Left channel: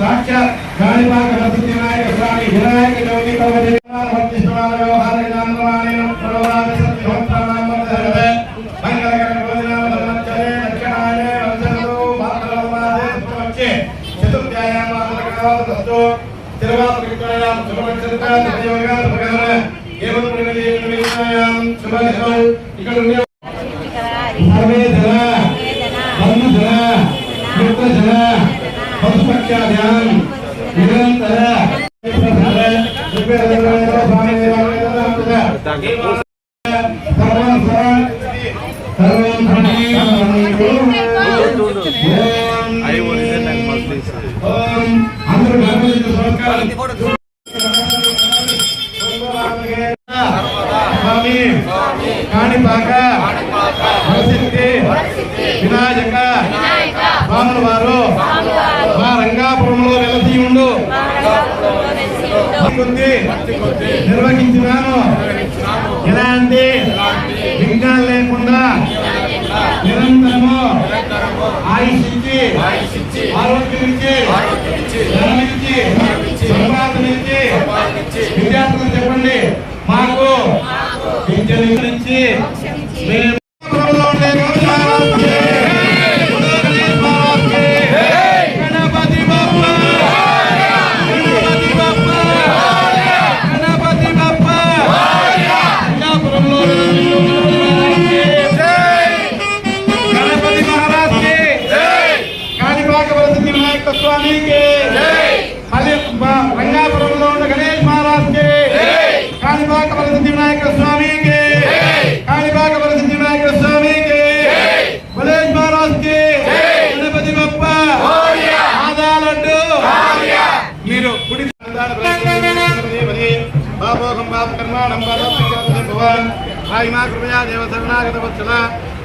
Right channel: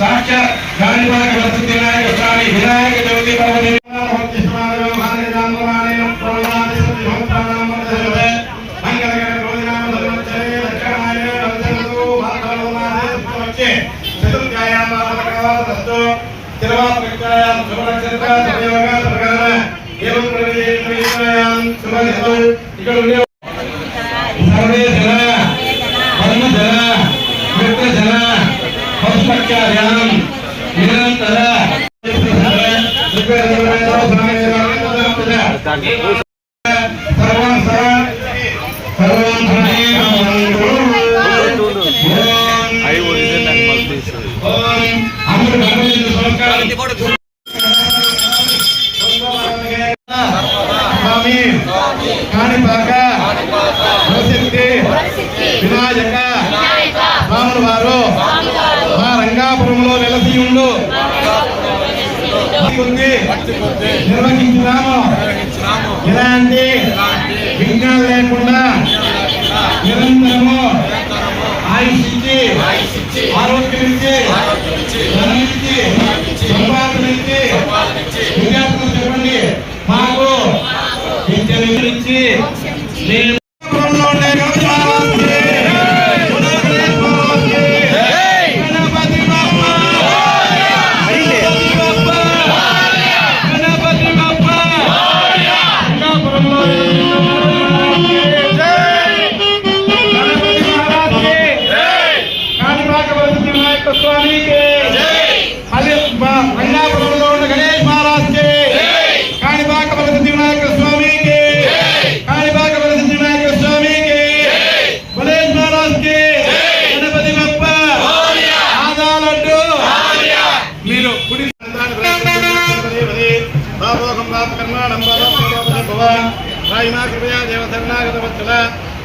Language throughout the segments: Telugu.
సాక్షాత్ స్వామి వినాయక జ్యోతి కాణిపాక వరసిద్ధి వినాయక స్వాముల వారు మా రంగాపురంలో వెలసి ఉండు నిర్వహించున్నాము. ఎలాంటి విఘ్నాలు లేకుండా నిరంతరము ఆయుష్ ఇచ్చి ఆరోగ్యం ఇచ్చి ధనం ఇచ్చి సంపాదన ఇచ్చి విద్యార్థులు చెప్పండి మాకు ఇచ్చి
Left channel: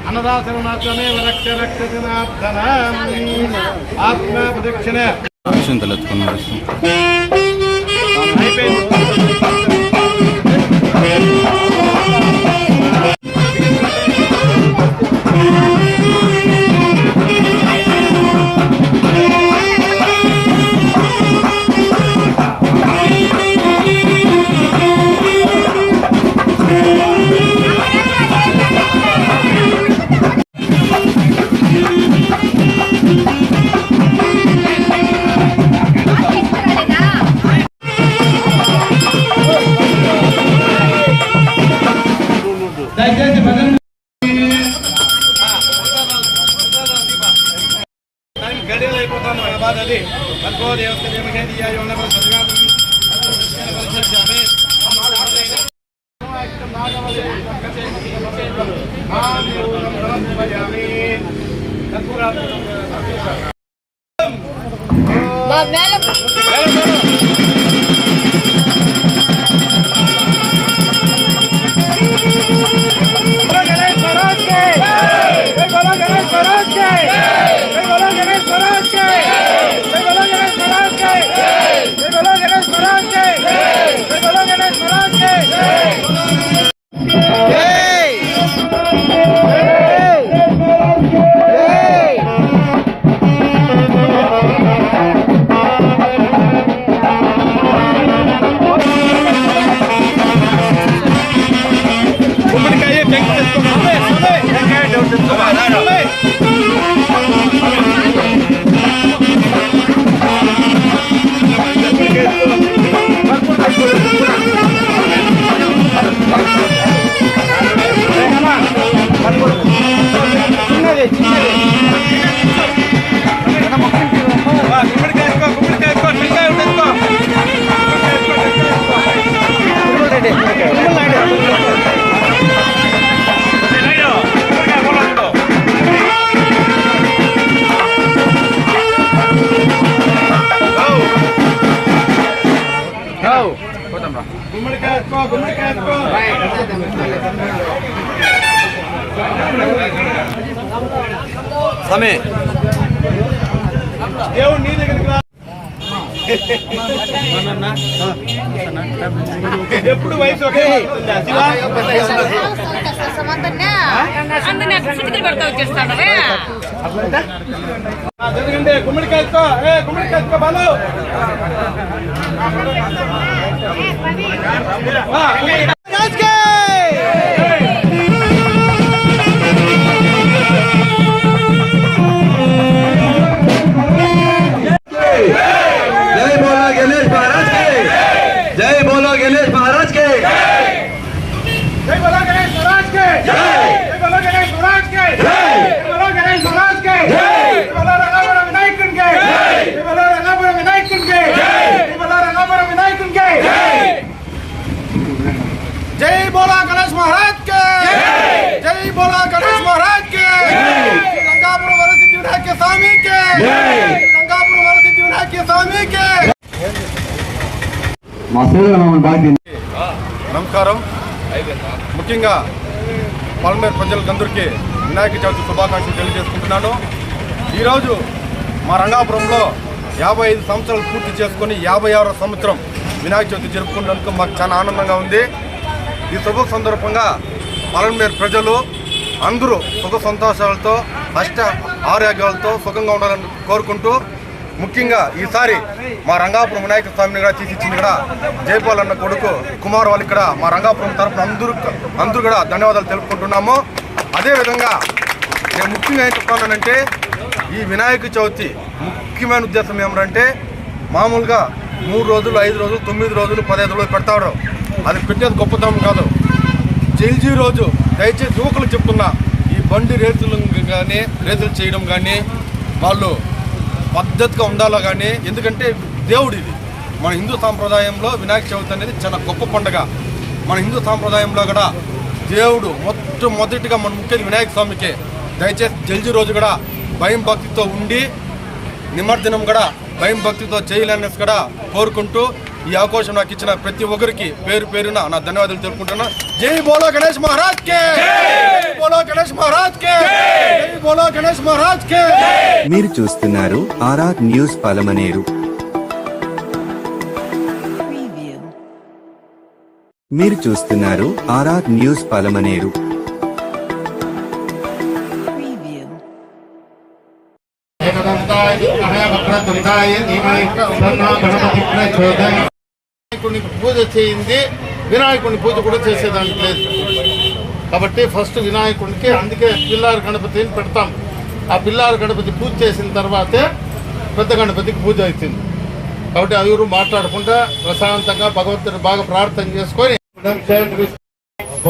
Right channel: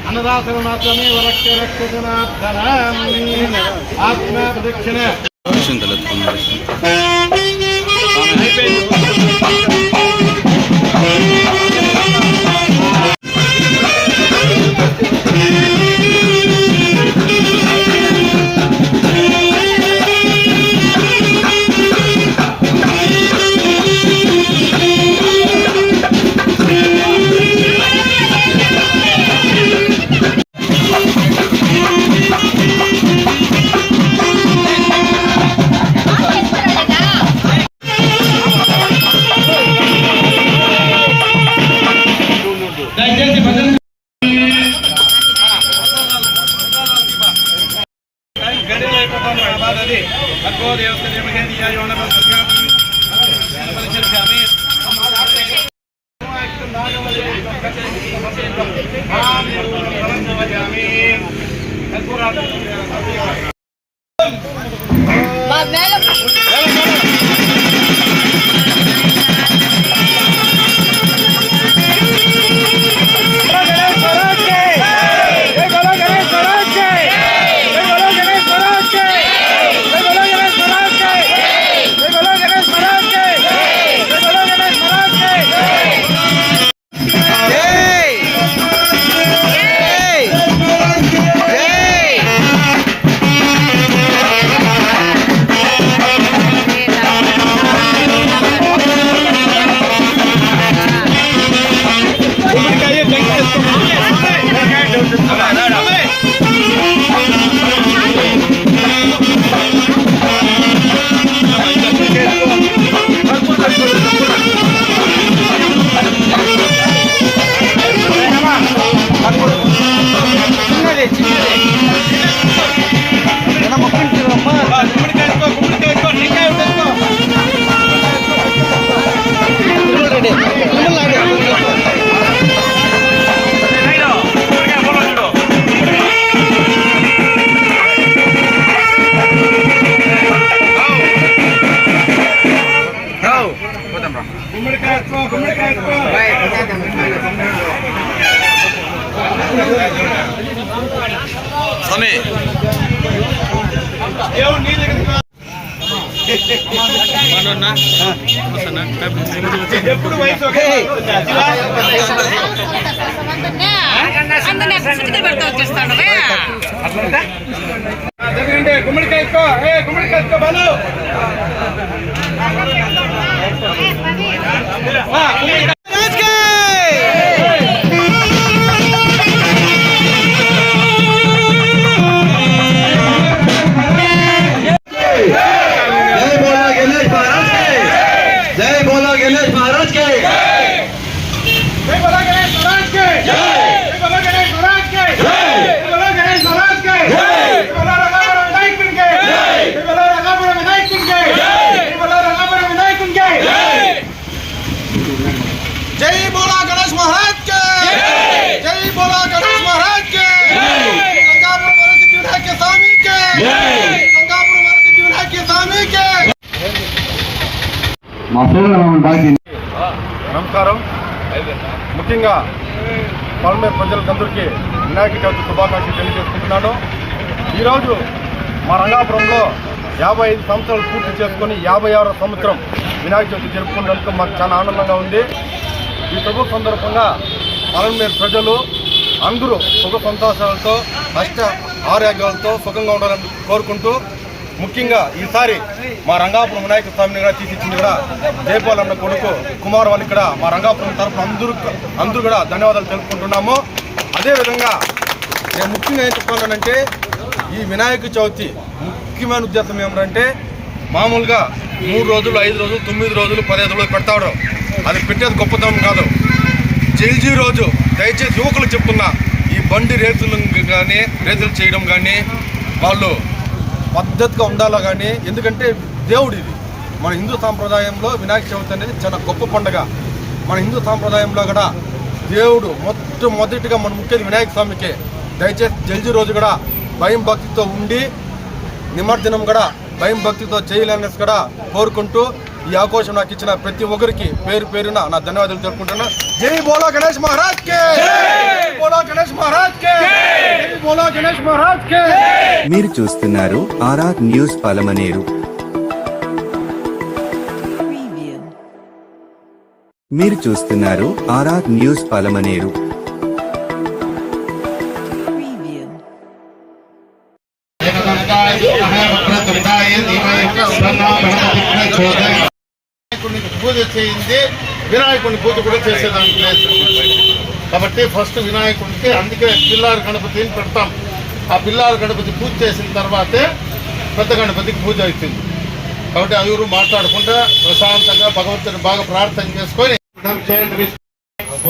అన్నదాసరణాత్మే రక్ష ఆత్మ ప్రదక్షిణ ఎప్పుడు వయసు జరగండి గుమ్మడికాయ గుమ్మడికాయ బాలు जय बोलो गणेश महाराज के जय बोलो गणेश महाराज के जय बोलो गणेश महाराज के जय बोलो गणेश महाराज के जय बोलो रंगापुरम विनायक के जय बोलो रंगापुरम विनायक के जय बोलो रंगापुरम विनायक के जय बोलो गणेश महाराज के जय बोलो गणेश महाराज के रंगापुरम वरसिद्धि विनायक के स्वामी के रंगापुरम वरसिद्धि विनायक के स्वामी के నమస్కారం. ముఖ్యంగా పల్మేరు ప్రజలందరికీ వినాయక చవితి శుభాకాంక్షలు తెలియజేసుకుంటున్నాను. ఈరోజు మా రంగాపురంలో 55 సంవత్సరాలు పూర్తి చేసుకొని 56వ సంవత్సరం వినాయక చవితి జరుపుకున్నందుకు మాకు చాలా ఆనందంగా ఉంది. ఈ శుభ సందర్భంగా పల్మేరు ప్రజలు అందరూ సుఖ సంతోషాలతో అష్ట ఆరోగ్యాలతో సుఖంగా ఉండాలని కోరుకుంటూ, ముఖ్యంగా ఈసారి మా రంగాపురం వినాయక స్వామిని కూడా తీసిచ్చింది కూడా జైపాల్ అన్న కొడుకు కుమార్ వాళ్ళు ఇక్కడ మా రంగాపురం తరఫున అందరూ కూడా ధన్యవాదాలు తెలుపుకుంటున్నాము. అదేవిధంగా నేను ముఖ్యంగా ఏం చెప్తున్నానంటే, ఈ వినాయక చవితి ముఖ్యమైన ఉద్దేశం ఏమిటంటే, మామూలుగా 3 రోజులు 5 రోజులు 9 రోజులు 15 రోజులు పెడతాడు. అది పెట్టేది గొప్పతనం కాదు. జైజీ రోజు దయచేసి యువకులు చెప్తున్నా, ఈ బండి రేసులు కానీ రేసులు చేయడం కానీ వాళ్ళు పద్ధతిగా ఉండాలా కానీ, ఎందుకంటే దేవుడు ఇది మన హిందూ సాంప్రదాయంలో వినాయక చవితి అనేది చాలా గొప్ప పండుగ. మన హిందూ సాంప్రదాయంలో కూడా దేవుడు మొట్టమొదటిగా మన ముఖ్యంగా వినాయక స్వామికి దయచేసి జల్జీ రోజు కూడా భయం భక్తితో ఉండి, నిమజ్జనం కూడా భయం భక్తితో చేయాలనేసి కూడా కోరుకుంటూ, ఈ అవకాశం నాకు ఇచ్చిన ప్రతి ఒక్కరికి పేరు పేరున నా ధన్యవాదాలు తెలుపుకుంటున్నా. జై బోలో గణేష్ మహారాజ్ కే, జై బోలో గణేష్ మహారాజ్ కే, జై బోలో గణేష్ మహారాజ్ కే. మీరు చూస్తున్నారు ఆర్ఆర్ న్యూస్ పలమనేరు. మీరు చూస్తున్నారు ఆర్ఆర్ న్యూస్ పలమనేరు. వినాయకుడికి పూజ చేయింది, వినాయకుడిని పూజ కూడా చేసేదానికి లేదు. కాబట్టి ఫస్ట్ వినాయకుడికి అందుకే పిల్లారు గణపతిని పెడతాం. ఆ పిల్లారు గణపతి పూజ చేసిన తర్వాతే పెద్ద గణపతికి పూజ అవుతుంది. కాబట్టి ఎవరు మాట్లాడకుండా ప్రశాంతంగా భగవంతుని బాగా ప్రార్థన చేసుకొని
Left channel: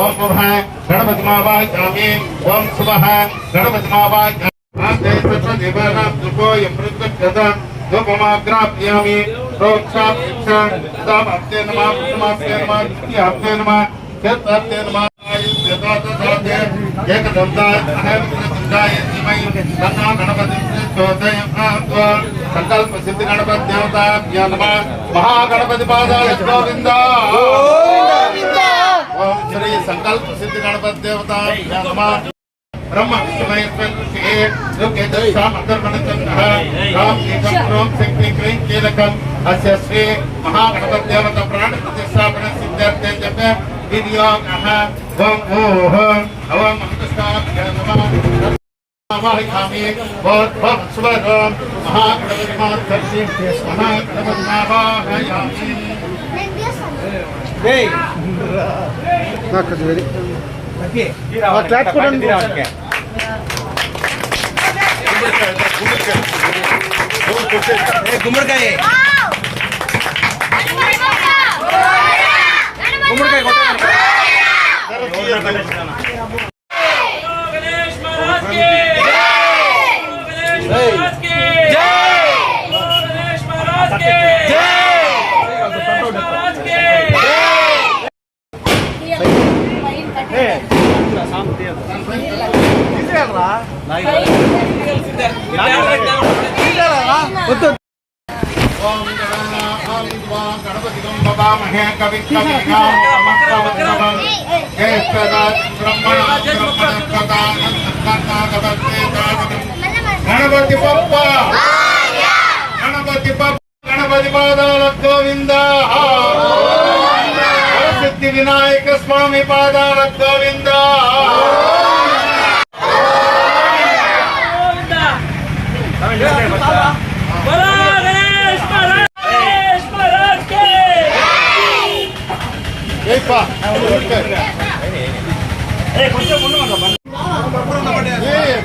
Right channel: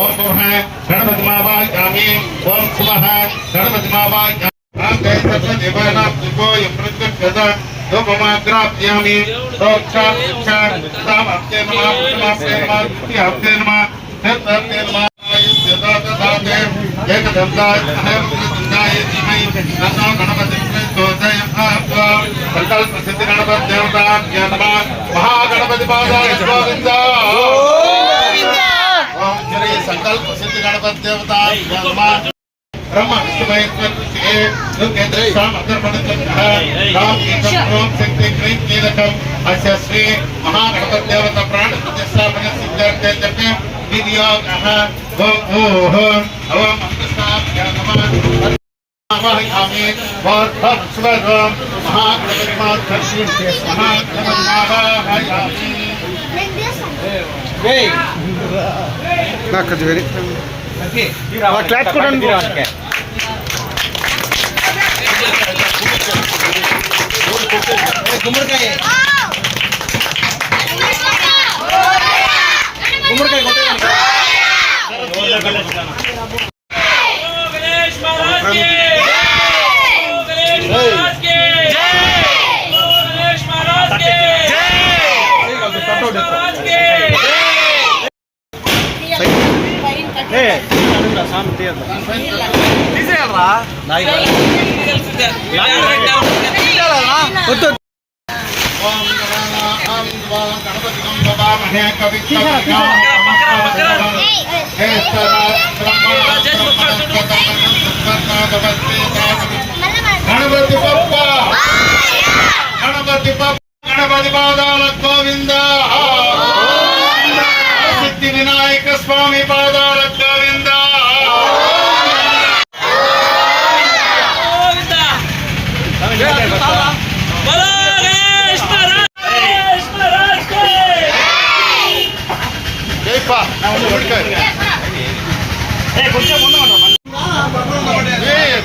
ఓం పురః గణపతి మావాయామి, ఓం శుభః గణపతి మావాయామి, ధూపమాగ్రాప్యామి, రోక్షాప్తే నమః, పుష్పమాప్తే నమః, ద్వితీయాప్తే నమః, చతుర్థాప్తే నమః, ఏకదంతాయ అహేమదంతాయ ధీమహి తన్నో గణపతిః ప్రచోదయాత్. సంకల్ప సిద్ధి గణపతి దేవతాభ్యో నమః. మహాగణపతి పాదాయ గోవింద గోవింద. ఓం శ్రీ సంకల్ప సిద్ధి గణపతి దేవతాభ్యో నమః. ब्रह्म विष्णुमहेश्वरे लोकेन्द्रे सामर्थ्यमनचन्द्रः राम एकं रोम शक्ति क्लीं कीलकम् अस्य श्री महागणपति देवता प्राण प्रतिष्ठापन सिद्धार्थे जपे विधियोगः. ओम ओह ओम अमृताभ्य नमः. आवाहयामि बहुत सुलभ महागणपति मातर्षि महागणपति आवाहयामि. जय ना कजवेरी क्लास కూడా గుమ్మడికాయ గణపతి బప్ప గణపతి పాదాల గోవింద. సిద్ధి వినాయక స్వామి పాదాల గోవింద.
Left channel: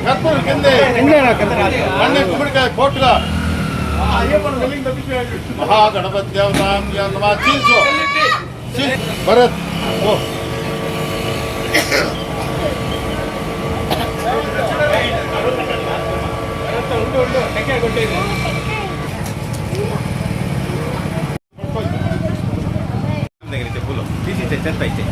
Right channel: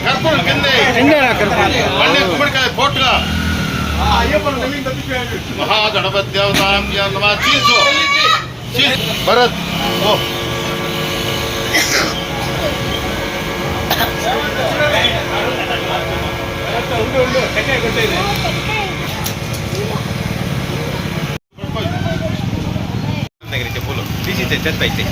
కర్పూరం కింద పండే గుమ్మడికాయ పోటుగా మహాగణపతి దేవతాం చీల్చు భరత్ ఓ దగ్గర చెప్పులు తీసి చెత్త అయితే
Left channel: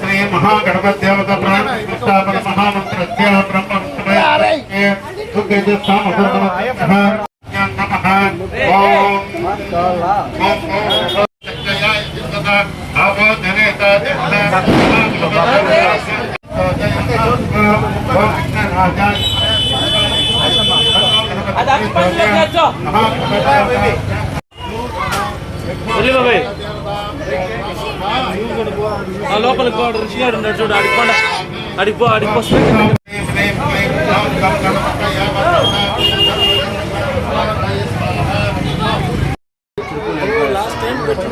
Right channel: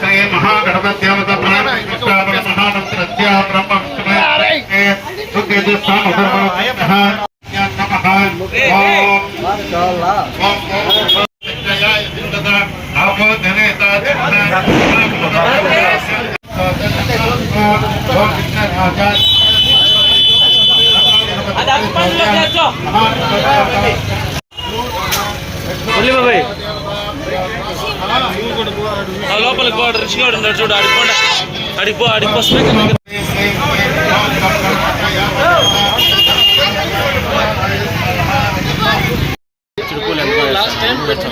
శ్రీ మహాగణపత్యామత ప్రాణ మహామంత్రస్య బ్రహ్మ లోపలికి వాడు రిషిగా ఉన్నాడు చూడు అడిగిపోండి అడిగిపో లాస్ట్ టైం పెట్టి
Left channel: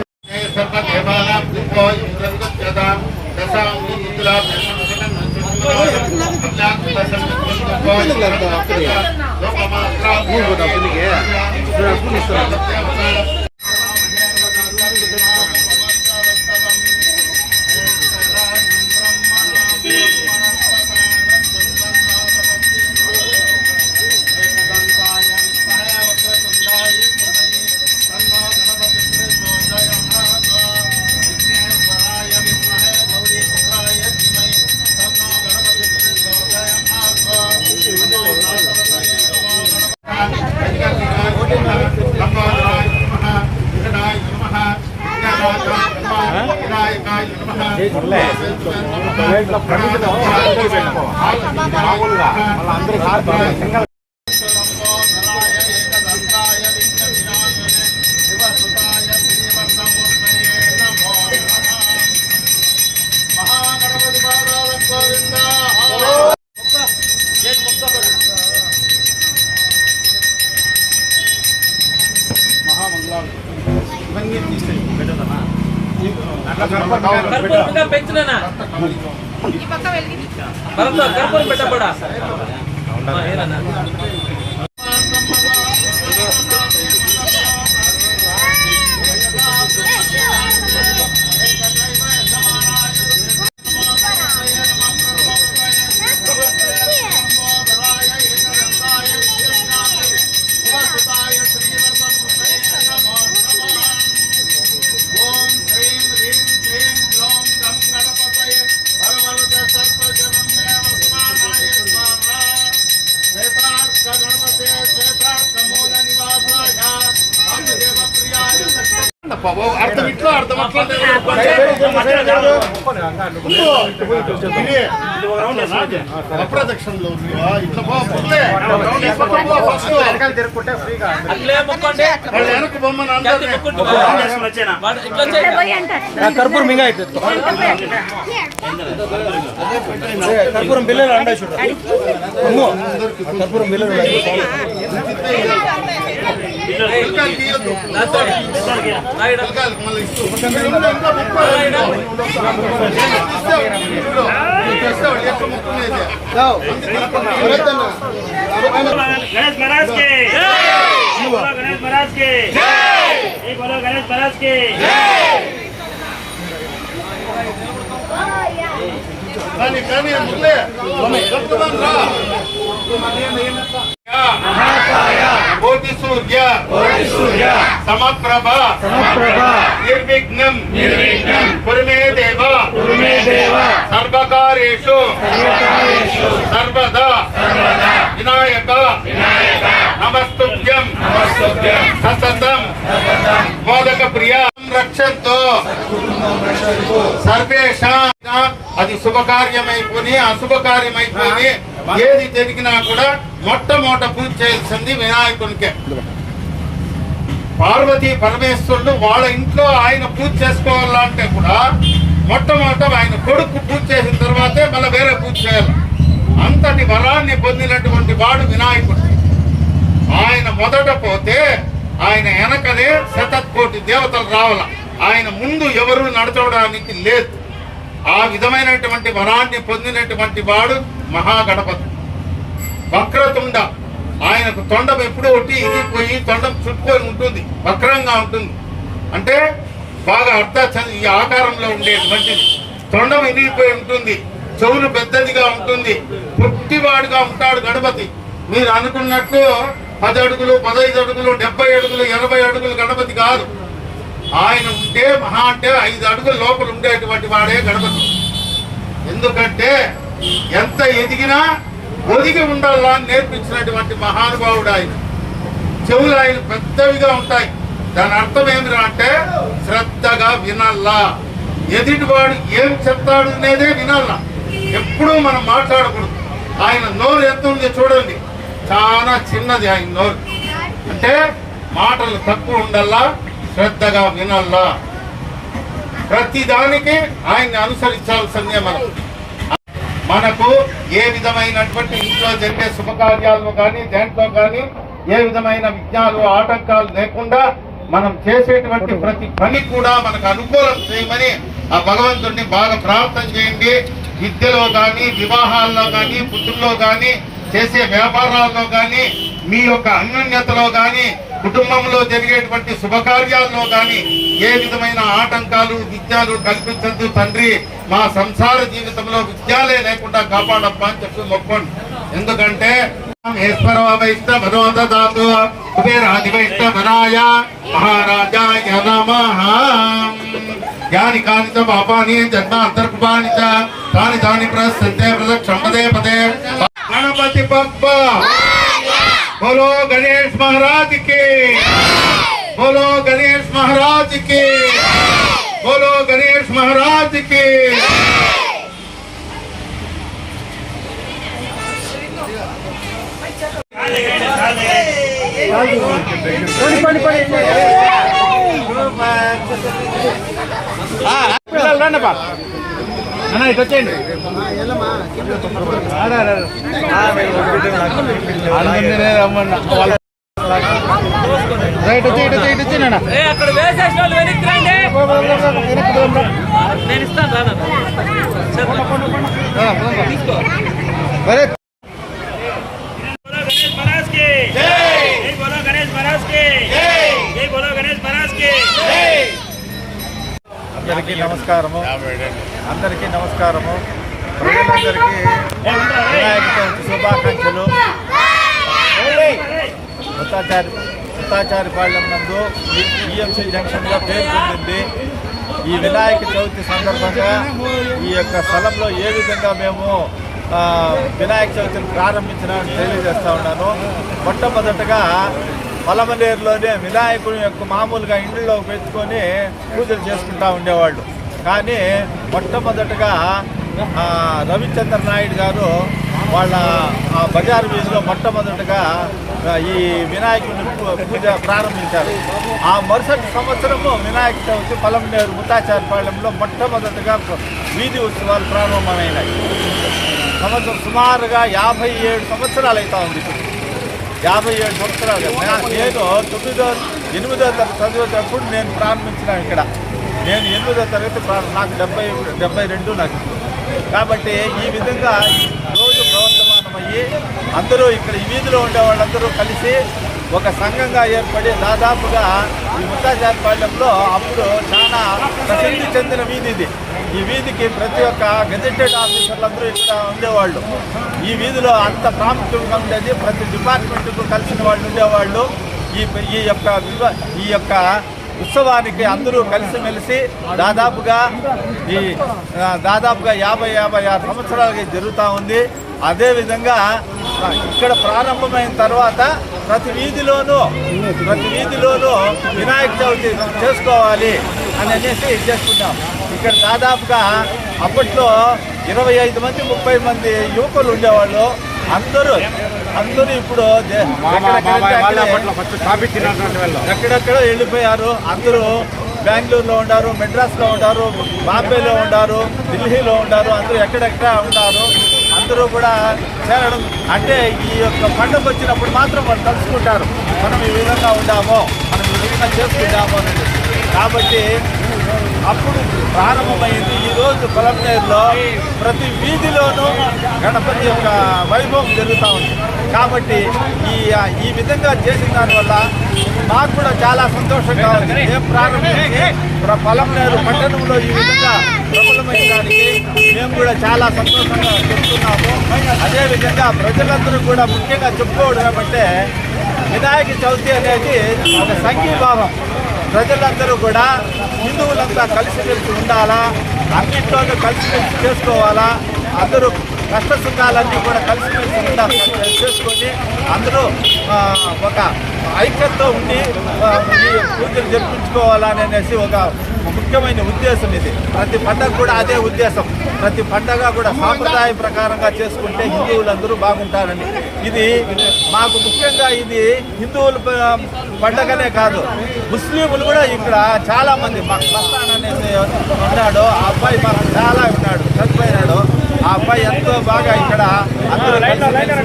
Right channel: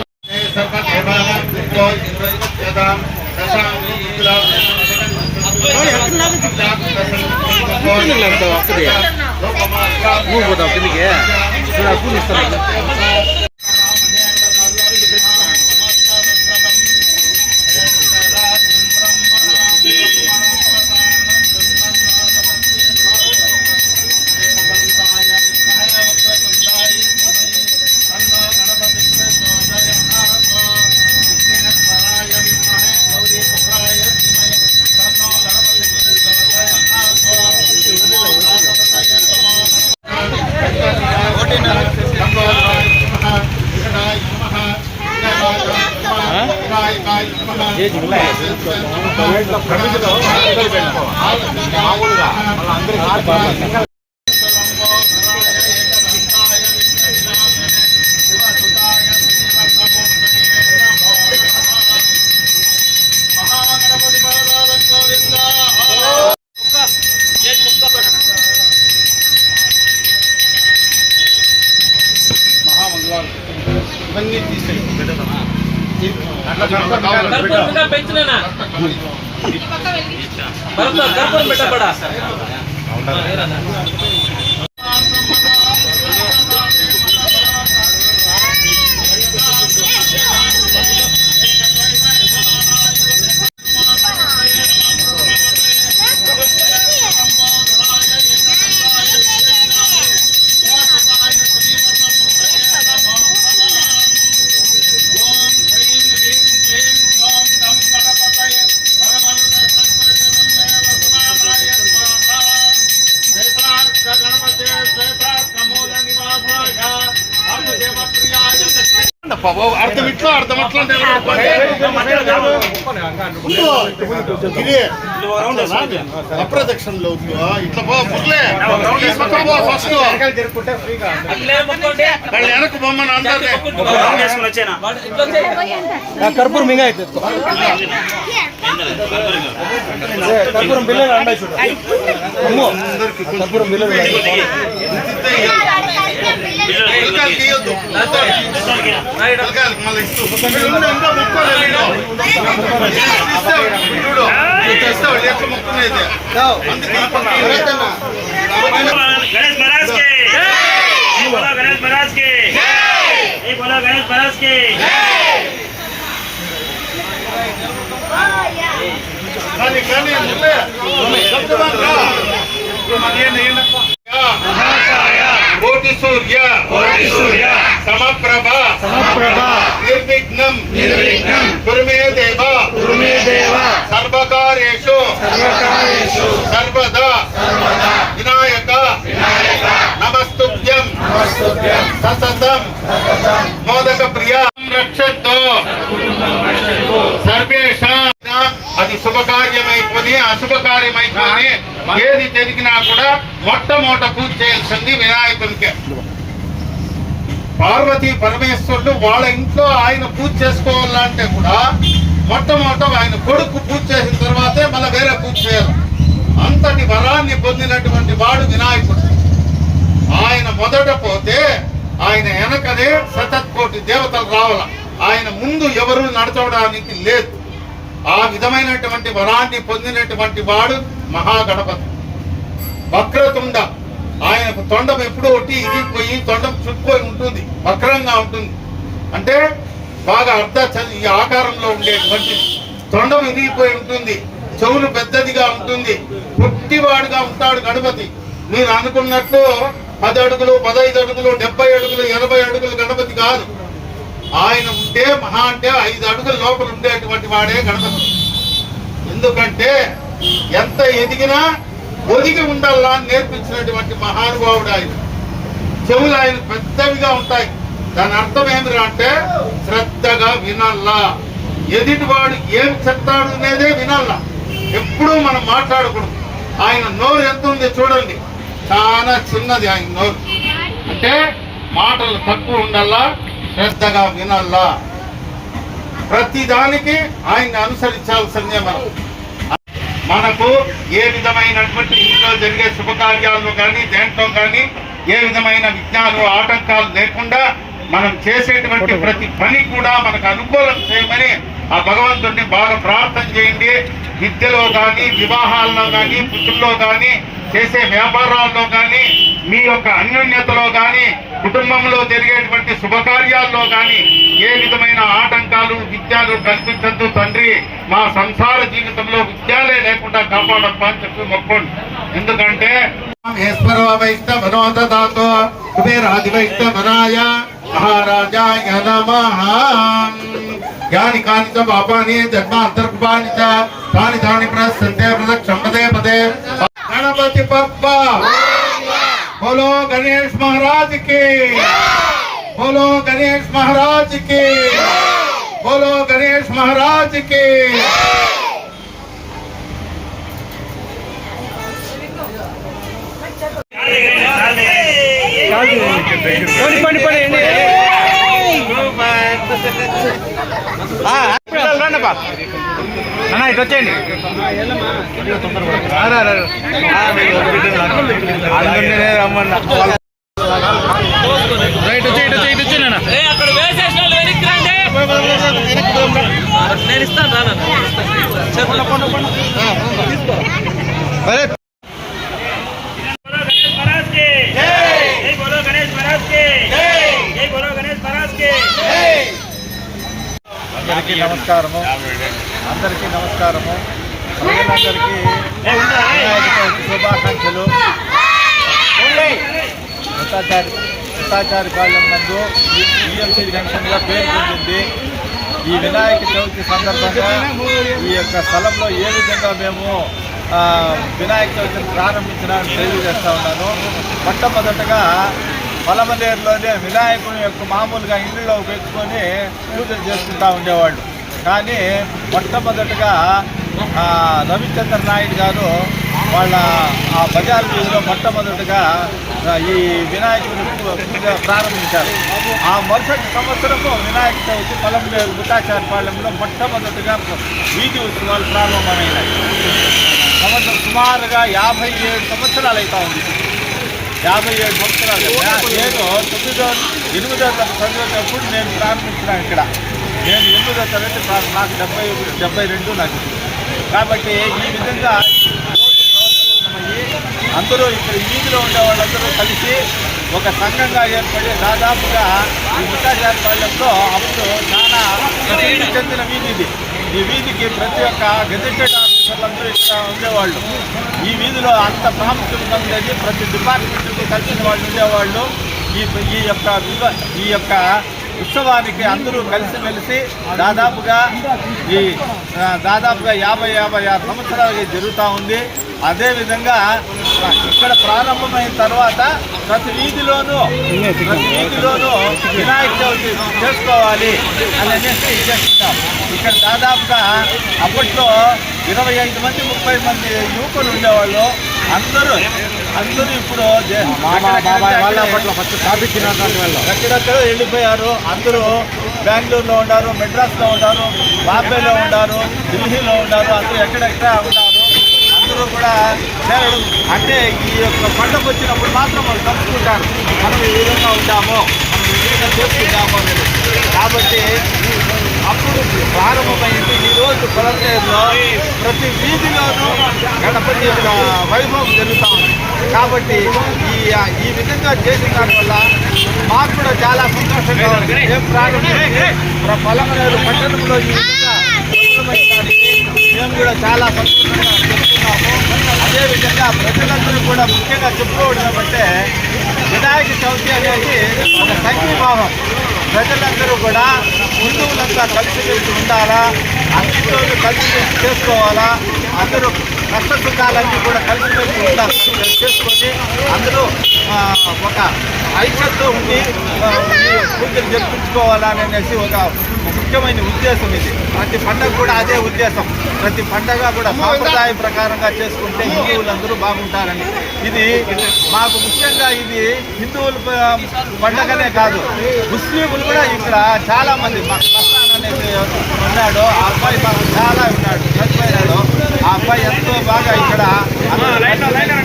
పెంచులేనా పెట్టబడా అర్థం ఇట్లా అప్రదక్షిణలో ఇట్లా వెనక్కి బొమ్మను కర్పూరం మింగా కర్పూరం బిల్లలు అండా చూడ అమ్మో కర్పూరం బిల్లలు మళ్ళీ ఇస్తూ మొక్కునేది गणेश महाराज के बोलो गणेश महाराज के बोलो गणेश महाराज के కోటి సూర్య సమప్రభ నిర్విఘ్నం కురుమే దేవ సర్వకార్యేషు సర్వదా వినాయక నమస్తుభ్యం సతతం మోదక ప్రియ రక్షంతో సర్వేషాం అది శుభకార్యమైపోయి అశుభకార్యమైపోయి ఏది జరిగినా కూడా మొట్టమొదట పూజ చేయాల్సింది వినాయకునికే. పార్వతీ పరమేశ్వరుడు వాళ్ళ ఇంట్లో ఆయన పూజ చేసుకోవాలంటే కూడా మొట్టమొదట ఆయన కొడుకు పూజ చేసిన తర్వాతే మళ్ళీ వేరే పూజ చేయాలి. అంతటి వరాన్ని పొందినటువంటి వాడు వినాయకుడు. ఆయన మొదట పోతే ఆయన వెనకనే శతకోటి దేవతలు రావాల. ఆయన ముందు ఎవరు నడచడానికి లేదు. ఆ విధమైనటువంటి వరాన్ని పొందినటువంటి వాడు మహాగణపతి. వక్రతుండ, ఆయనకు తొండం ఎప్పుడో ఒకటి ఇరిగిపోయి తొండం చుట్టుకొని ఉంటుంది, వక్రంగా ఉంటుంది. అంటే బాగా ఈ ఆకారంలో ఉండేటువంటిది. తొండం ఇరిగిపోయి ఉంటుంది, చెవులు పెద్దదిగా ఉంటుంది, పొట్టివాడుగా ఉంటాడు గణపతి. మీరు అనుకున్నట్టు 10 అడుగులు 15 అడుగులు 70 అడుగులు 80 అడుగులు గణపతి కాదు. ఆయన ఉంటే మహా అంటే 5 అడుగుల లోపల ఉండేటువంటి వాడే గణపతి. ఎందుకంటే ఎంత ఎదిగినా ఒదిగి ఉండాలా అని నేర్పించినటువంటి మహానుభావుడు ఆయన. చెవులు ఆయన పెద్దవిగా ఉంటాయి. దాని అర్థం ఏమిరా అంటే శ్రద్ధగా వినాలా. ఎదుటివాడు ఏం చెప్తాడు అనేదే వినాలా. ఎప్పుడూ మనం మాట్లాడకూడదు. ఆయన నోరు ఎంత ఉంది చూడండి, చాలా చిన్నది ఆయన నోరు. అంటే మాటలు తక్కువ ఉండాలా, శ్రద్ధగా వినాలా. ప్రతి దానికి ఆయన్ని అనుసరించాల్సిందే. మనకు ఏ విధమైనటువంటి ఇంట్లో జరిగే శుభకార్యాల్లో కానీ దేంట్లో కానీ ఏ విధమైన విఘ్నాలు ఆటంకాలు లేకుండా మనం చేసేటువంటి ప్రతి పని కూడా మనకు అనుకూలం చేయమని ఆ భగవంతుడిని బాగా ప్రార్థన చేయండి. విద్యలో కానీ, వివాహాల్లో కానీ, పుత్రుల్లో కానీ, చేసే వ్యాపారాల్లో కానీ, మీ యొక్క అన్యోన్యతలో కానీ, కుటుంబంలో జరిగేటువంటి శుభకార్యాల్లో కానీ ఏ విధమైన ఆటంకాలు విద్యలు కల్పించద్దు తండ్రి. మా సంసార జీవితంలో విద్యాలే లేకుండా కాపాడప్పా అని చెప్పి మొక్కోండి. ఎందుకంటే ఈశ్వరో వైష్ణ మనోదాతో కుబేరాది వైష్ణ మనాయ మహారాజాయ నమః. యాని కాని చ పాపాని జన్మాంతర్కృపాని చ తాని తాని ప్రసంతే ప్రదక్షిణ పదే పదే. గణపతి బప్పా बोलो गणेश महाराज के, बोलो गणेश महाराज के, बोलो गणेश महाराज के. ఇటు వచ్చేయండి. రైట్ వచ్చి ఇటు వచ్చి నాన్న. నేను ఇస్తాను. అందరికీ నమస్కారము. ప్రజలందరికీ వినాయక చవితి శుభాకాంక్షలు. ముత్తాచారిపాళ్యం నందు ఈఎంసీ జంక్షన్గా పేరు పొందింది. ఈ వినాయక చవితి సందర్భంగా ఈ యొక్క స్థలంలో ఏ విధంగా మేము వినాయక చవితిని ప్రారంభించడానికి తెలియజేస్తూ ఉన్నాను. మొట్టమొదటగా పలమనేరులోనే వినాయకుడి యొక్క మామూలుగా ఇంట్లో పెట్టుకొని పూజలు చేసుకుంటూ ఉండేవాళ్ళు. కానీ మొట్టమొదటగా రవిచంద్ర నాయుడు గారు వాళ్ళ ఆ బజార్ వీధిలో మొట్టమొదటగా ఈ వినాయకుడి పూజ ప్రారంభించారు. ఆ మరుసటి సంవత్సరము వినాయక చవితి పలమనేరు ముత్తాచారిపాళ్యంలో మొట్టమొదటగా వీధి ఉత్సవాలు ప్రారంభమైనాయి. సుమారుగా 57 సంవత్సరాలు అవుతా ఉంది. 57 సంవత్సరాలు. నేను 8వ తరగతి చదివేటప్పుడు నేను ప్రారంభించినాను ఇక్కడ. నేను 8వ తరగతి నాకు 72 నాకు. కాబట్టి ఈ విధంగా రోజు ప్రవర్తమానమయ్యి అందరూ ఇక్కడ వీధిలో ఉండే వాళ్ళందరూ కలిసి ఒక సంఘంగా ఏర్పడి దాదాపుగా ఈ ముత్తాచారిపాళ్యంలో అప్పుడు చాలా ప్రసిద్ధి చెందిన వీధి ఇది. ఈ వీధికి ప్రతి ఒక్క గెజెటెడ్ ఆఫీసర్లందరూ ఇక్కడ ఉండేవాళ్ళు. ఈ వీధిలో అంత ప్రాముఖ్యత ఉండేది. ప్రతి డిపార్ట్మెంట్కు కలిసిన వాళ్ళు ఉండేవాళ్ళు. ఈ యొక్క ఉత్సవానికి అందరూ కలిసిమెలిసి దాదాపుగా 50-56 సంవత్సరాలకి జరుగుతూ ఉంది. అదేవిధంగా ఇక్కడ ప్రారంభమైన తర్వాత ప్రతి వీధిలోనూ వినాయక చవితి చేసుకోవాలి అని అనేసి చేసుకుంటాం. ఇక్కడ దాదాపుగా అప్పట్లో 25 మంది 30 మంది యువకులు ఉండేవాళ్ళు. అందరూ ఇప్పుడు ఎక్కడెక్కడో వెళ్ళిపోయారు. అందరూ బెంగళూరులో ఉన్నారు, మెడ్రాస్లో ఉన్నారు, బాంబేలో ఉన్నారు, ఢిల్లీలో ఉన్నారు. అందరూ ఎక్కడెక్కడ ఉన్నారు. అందరూ కూడా చేరడం అంటే ఈ యొక్క పండుగ వచ్చినప్పుడు మాత్రం వాళ్ళు కలుసుకుంటారు. మనం ఈ విధంగా ఉండామో, మనం ఈ విధంగా చేసుకుంటామో అనేది. కాబట్టి అప్పుడు ప్రారంభమైంది. ఈరోజు పొలంనేరులో ప్రతి వీధిలోనూ గణపతి యొక్క వైభవం జరుగుతూ ఉంది. కాబట్టి ఈ విధంగా చేసిన దానివల్ల మాకు కూడా చాలా సంతోషంగా ఉంది. మేము ప్రారంభించి పొలంనేరు పట్టణంలో ఈ విధంగా ప్రబలమైన దానికి మేము కూడా చాలా సంతోషంగా చెప్తున్నాము. అదేవిధంగా ప్రజలందరూ కూడా ముఖ్యంగా చెప్పుకోవడం ఏమంటే వినాయక చవితి అనేది ఒక సంఘీభావం. ప్రజలందరూ కూడా హిందువులంతా కలిసిమెలిసి ఉండాలా, అన్నింటిలోనూ కలిసిమెలిసి చేసుకోవాలా, అందరూ కష్ట సుఖాలన్నీ కూడా కలిసిమెలిసి ఉండాలి చేసుకొని అందరూ ఒక ఐక్యతతో ఉండి పూజలు జరిపించుకోవాలనేసి ఒక ముఖ్యమైన ఉద్దేశం ఇది. ప్రతి పండగ కూడా అదే ఉద్దేశం. ప్రతి పండగ కూడా సాంప్రదాయ ప్రకారంగా చేసుకుంటే హిందువులందరూ బాగుంటారని. ఇది మాకు ముఖ్యంగా ఇది హిందువుల పండగనే కాదు, ముస్లింలు కూడా ఇక్కడ చాలామంది మా మస్తాన్ అనేది ఉన్నాడు. ఆ అబ్బాయి మాకు చాలా ఉన్నాడు, చనిపోయినాడు. ఆ అబ్బాయి ఎంతో బాగా ఇక్కడ అందరూ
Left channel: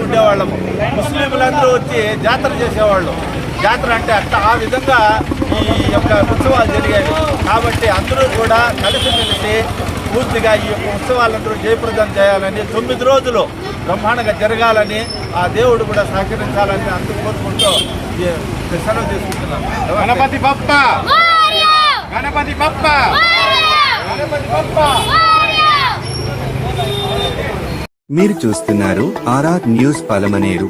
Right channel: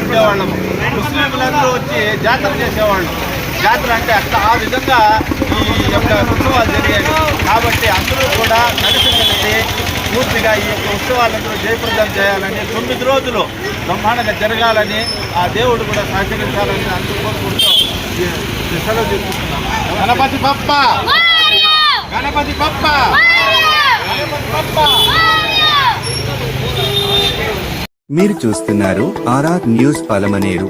ఉండేవాళ్ళము. ముస్లింలందరూ వచ్చి జాతర చేసేవాళ్ళు. జాతర అంటే అట్లా ఆ విధంగా ఈ యొక్క ఉత్సవాలు జరిగాయి. కాబట్టి అందరూ కూడా కలిసిమెలిసి పూర్తిగా ఈ యొక్క ఉత్సవాలందరూ జయప్రదం చేయాలని, 9 రోజులు బ్రహ్మాండంగా జరగాలని, ఆ దేవుడు కూడా సహకరించాలని అందరూ కోరుకుంటూ సెలవు తీసుకుంటున్నాం. గణపతి బప్ప, గణపతి బప్ప, గణపతి బప్ప. మీరు చూస్తున్నారు ఆర్ఆర్ న్యూస్ పలమనేరు.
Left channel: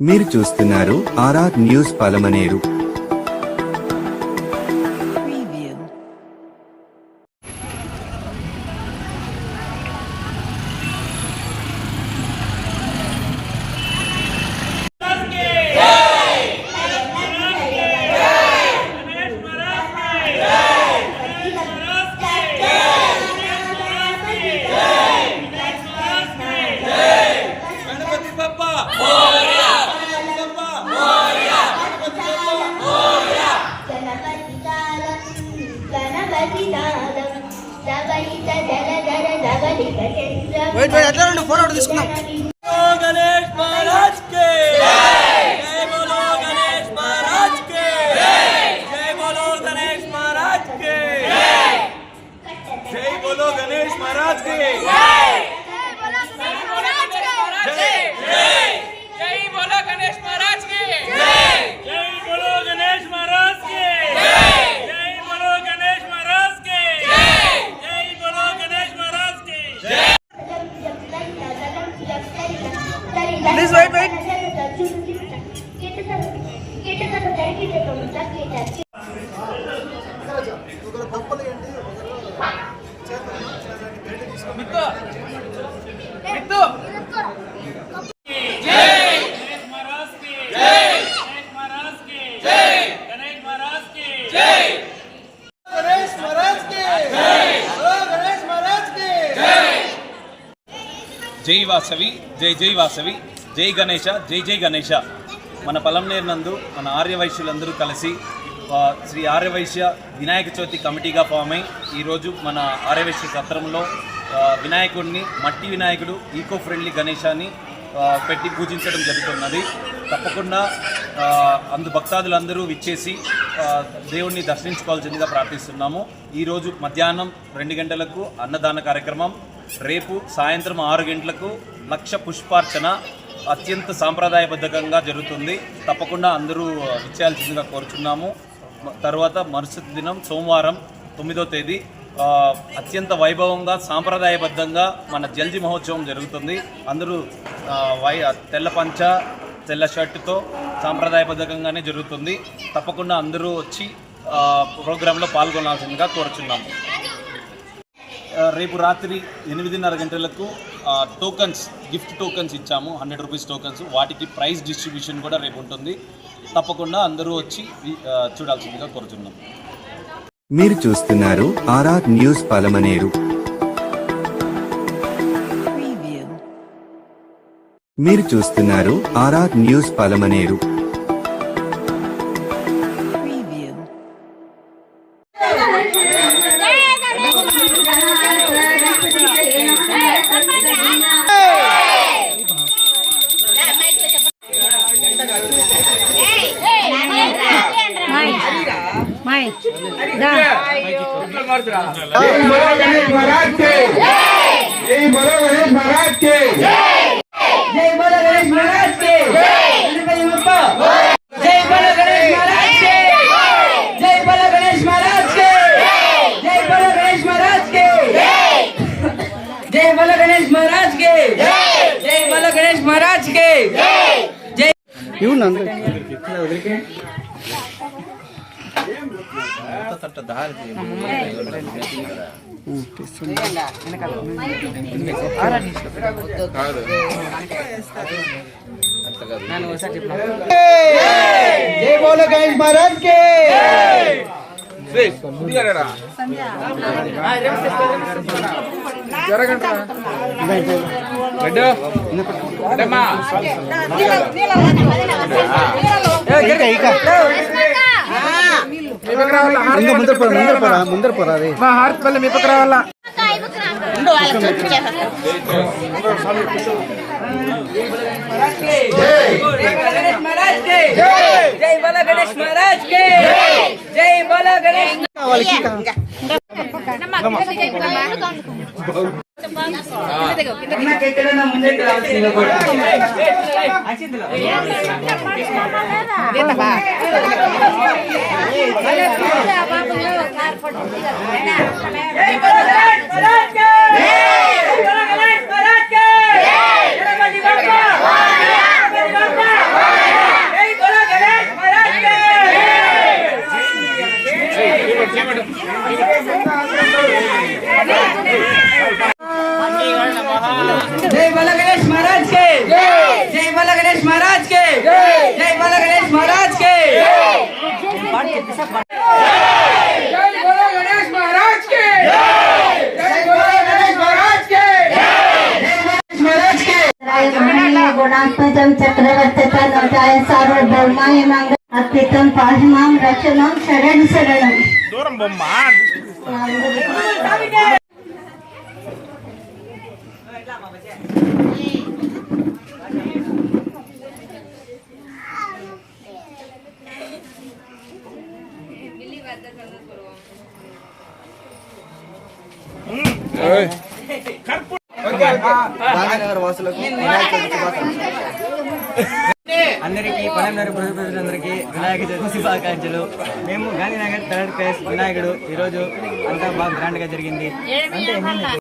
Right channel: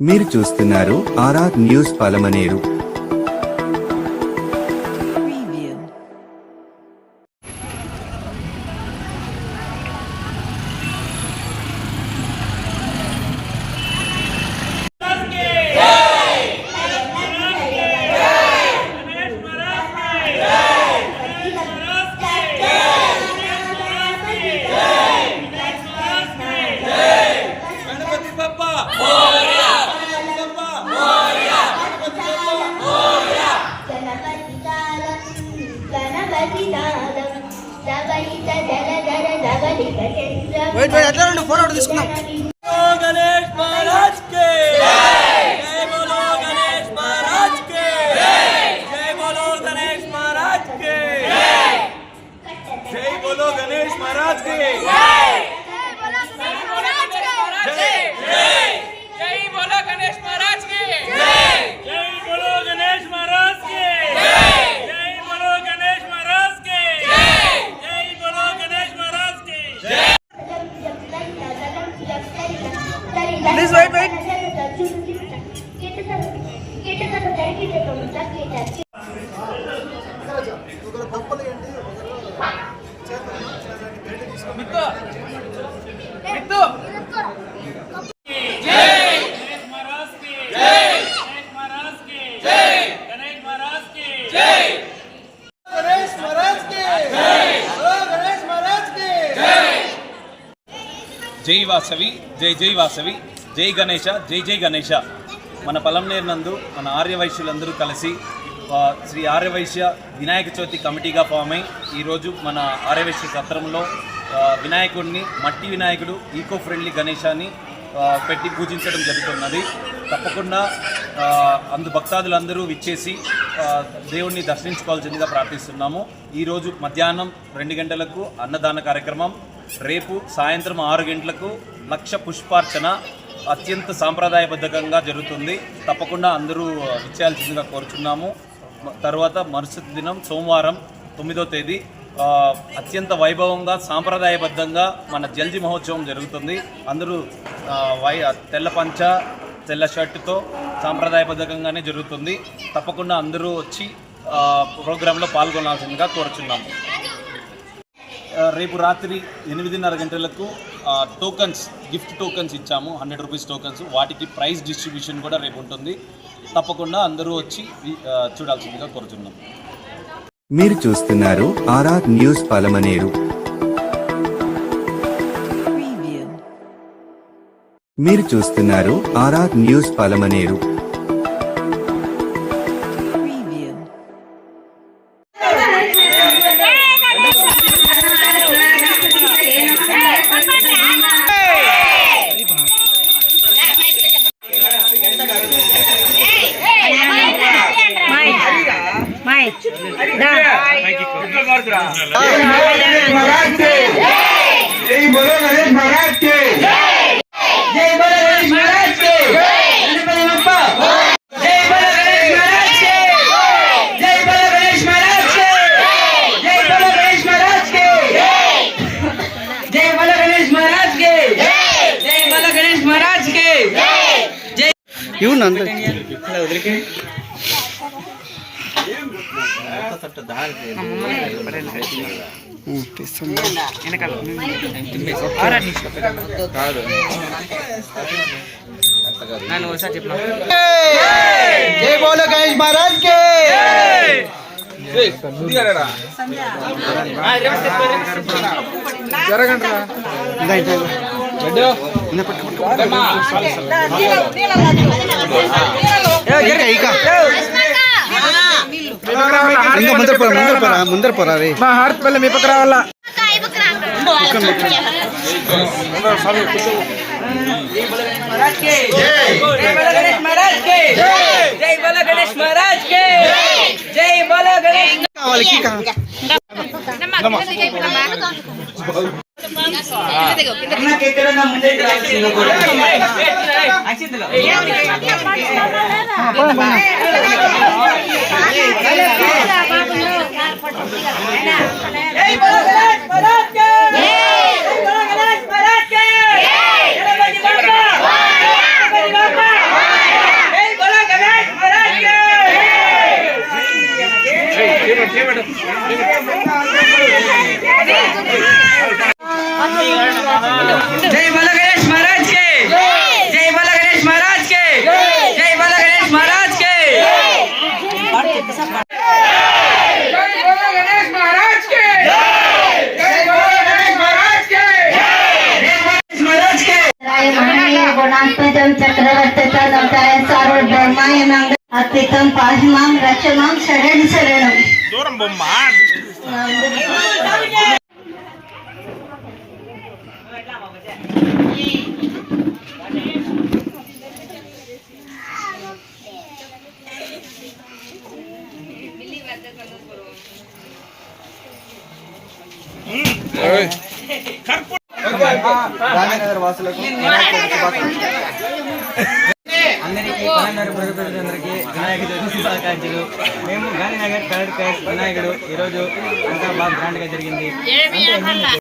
మీరు చూస్తున్నారు ఆర్ఆర్ న్యూస్ పలమనేరు. ఫోటో తీసుకుందాం. గణేష్ మహారాజ్ కే జై బోలో, గణేష్ మహారాజ్ కే జై బోలో, గణేష్ మహారాజ్ కే జై బోలో, గణేష్ మహారాజ్ కే జై బోలో, గణేష్ మహారాజ్ కే జై బోలో, గణేష్ మహారాజ్ కే జై బోలో, గణేష్ మహారాజ్ కే జై బోలో, గణేష్ మహారాజ్ కే. Please wait. జై వాసవి, జై జై వాసవి, జై గణేష, జై జై గణేష. మన పొలంనేరు నందు మన ఆర్యవైశ్యులందరూ కలిసి శ్రీ ఆర్యవైశ్య వినాయక చవితి కమిటీగా ఫామ్ అయి ఈరోజు మన ఆర్యవైశ్య సత్రంలో వినాయకుడిని, మట్టి వినాయకుడు, ఈకో ఫ్రెండ్లీ గణేశాన్ని పెట్టి పూజించడం జరుగుతున్నది. తప్పకుండా అందు భక్తాదులందరూ విచ్చేసి దేవుణ్ణి దర్శించుకోవాల్సిందిగా ప్రార్థిస్తున్నాము. ఈరోజు మధ్యాహ్నం 2 గంటలకు అన్నదాన కార్యక్రమం, రేపు సాయంత్రం 6 గంటలకు లక్ష పుష్పార్చన అత్యంత సాంప్రదాయబద్ధంగా జరుగుతుంది. తప్పకుండా అందరూ విచ్చేయాల్సిందిగా కోరుచున్నాము. తర్వాత మరుసటి దినం సోమవారం 9వ తేదీ అత్యంత వైభవంగా సాంప్రదాయబద్ధంగా మన జల్జీ మహోత్సవం జరుగుతుంది. అందరూ తెల్ల పంచ, తెల్ల షర్టుతో సాంప్రదాయబద్ధంగానే జరుగుతుంది. తప్పకుండా అందరూ వచ్చి ప్రోగ్రాంలో పాల్గొనాల్సిందిగా కోరుచున్నాము. రేపు రాత్రి 8:30 గంటలకు టోకన్స్, గిఫ్ట్ టోకన్స్ ఇచ్చాము, 100 రూపీస్ టోకన్స్. వాటికి ప్రైజ్ డిస్ట్రిబ్యూషన్ కూడా రేపు ఉంటుంది. తప్పకుండా అందరూ వచ్చి చూడాల్సిందిగా కోరుచున్నాం. మీరు చూస్తున్నారు ఆర్ఆర్ న్యూస్ పలమనేరు. మీరు చూస్తున్నారు ఆర్ఆర్ న్యూస్ పలమనేరు. जय बोलो गणेश महाराज के ఇంకా ముందర పోరా రే మా హార్ట్ పల్లె మీ పక్క రావాలా जय बोलो गणेश महाराज के जय बोलो गणेश महाराज के जय बोलो गणेश महाराज के जय बोलो गणेश महाराज के जय बोलो गणेश महाराज के महाराज के महानीय गुणात्मजं चक्रवर्तिता नवताय सार्वभौमाय मंगल अत्रितं पाहिमां रक्षमां शरण शरणं दूरं बोम्मा గాంధీనగర్ వాసులకు వినాయక చవితి శుభాకాంక్షలు. అందరికీ పలమనేరు ప్రజలందరికీ వినాయక చవితి శుభాకాంక్షలు. మేము గాంధీనగర్ కలర్ ప్లేస్ వినాయకుడు ఈరోజు అంతా బాగా గ్రాండ్గా జరిగింది. అంటే